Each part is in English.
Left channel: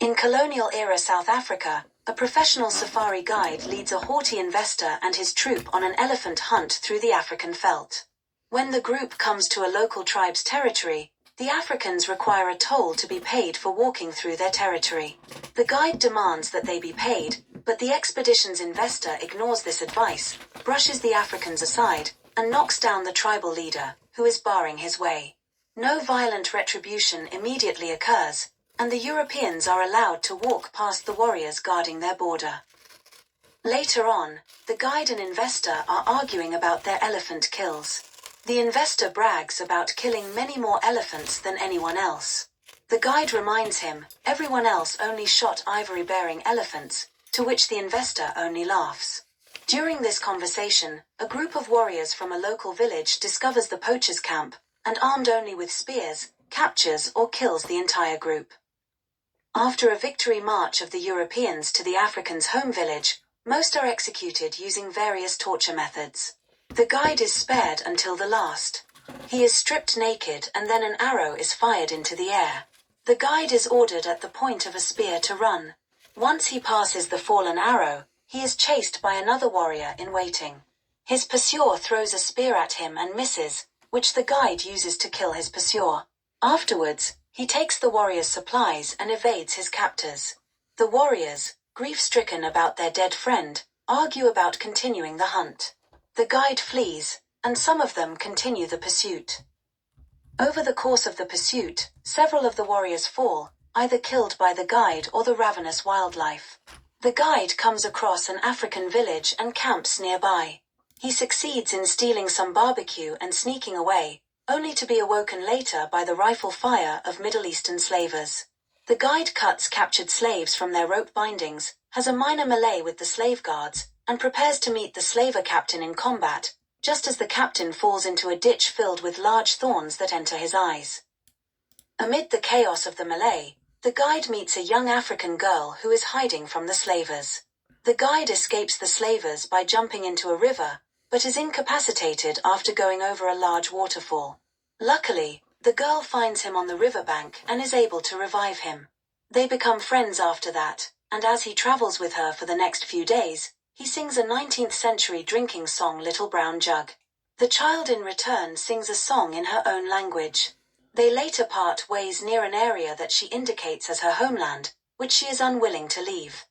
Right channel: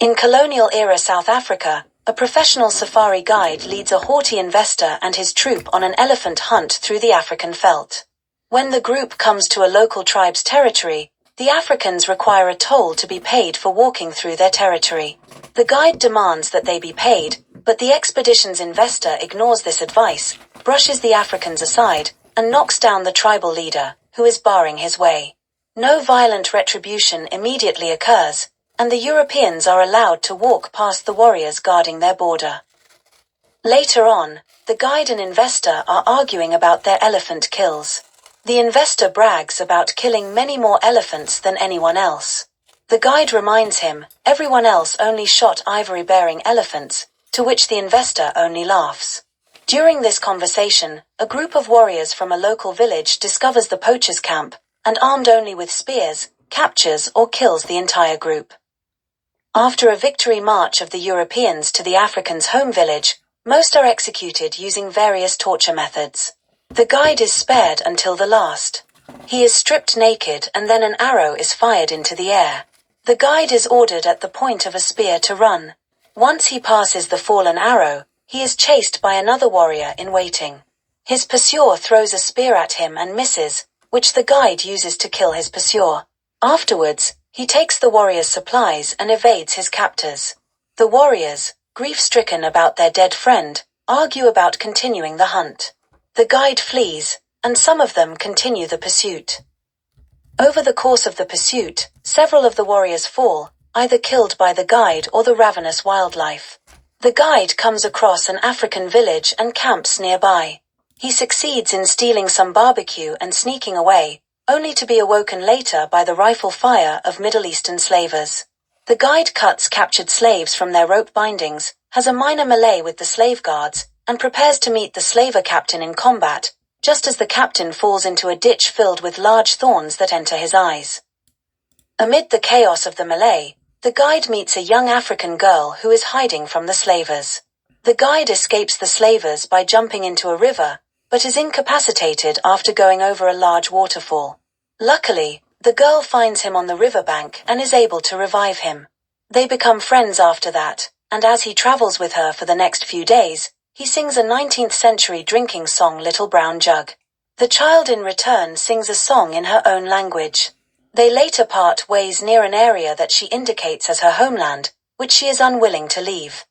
In colonial-era South Africa, a professional safari guide leads a haughty investor and his troop on an elephant hunt through the African veldt. When the group comes to a local tribe's territory, the Africans require a toll to be paid for walking through their territory. The guide demands that they be paid, but the expedition's investor ignores this advice, brushes the Africans aside, and knocks down the tribal leader, who is barring his way. No violent retribution immediately occurs, and the Europeans are allowed to walk past the warriors guarding their border. Later on, the guide and investor are arguing about their elephant kills. The investor brags about killing many more elephants than anyone else. The guide reminds him, everyone else only shot ivory-bearing elephants, to which the investor only laughs. During this conversation, a group of warriors from a local village discovers the poachers' camp, and armed only with spears, captures or kills the entire group. After a victory march of the Europeans to the Africans' home village, most are executed using various torture methods. The guide is spared until the last. He is stripped naked and then an arrow is fired into the air. The guide is ordered at the point of a spear to run. Once he passes the fallen arrow, he is chased by another warrior in waiting. His pursuer throws a spear at him and misses, which the guide uses to kill his pursuer. Afterwards, he takes the warrior's supplies and evades his captors. The warriors, grief-stricken about their dead friend, argue about continuing the hunt. The guide flees, and some of them continue the pursuit. Over the course of the pursuit, several of the warriors fall, either killed by the guide or the ravenous wildlife. The guide comes across an African village and camps nearby. He succeeds in stealing some barbecue and sneaking away, only to be awoken later by the rifle fire of Middle Eastern slavers. The guide cuts captured slaves from their rope bindings, has a minor melee with the slave guards, and prepares to meet the slaver captain in combat, just as the captain falls into a ditch filled with large thorns that enter his eyes. Amid the chaos of the melee, the guide meets a young African girl who is hiding from the slavers. The guide escapes the slavers by jumping into a river, but is incapacitated after going over a large waterfall. Luckily, the girl finds him on the riverbank and is able to revive him. They become friends after that, and as he travels with her for the next few days, he sings a 19th-century drinking song, Little Brown Jug. The child in return sings a song in her own language. They later part ways near an area that she indicates as her homeland, which she is unwilling to leave.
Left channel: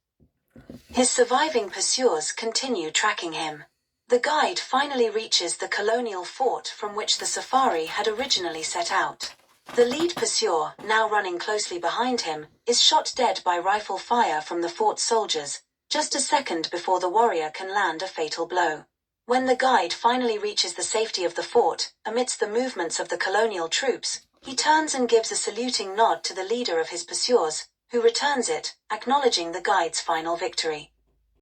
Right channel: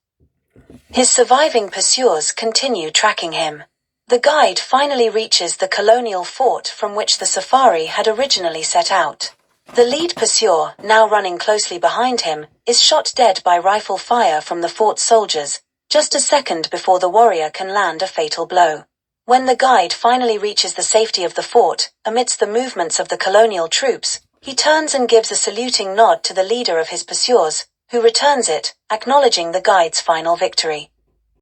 His surviving pursuers continue tracking him. The guide finally reaches the colonial fort from which the safari had originally set out. The lead pursuer, now running closely behind him, is shot dead by rifle fire from the fort's soldiers, just a second before the warrior can land a fatal blow. When the guide finally reaches the safety of the fort, amidst the movements of the colonial troops, he turns and gives a saluting nod to the leader of his pursuers, who returns it, acknowledging the guide's final victory.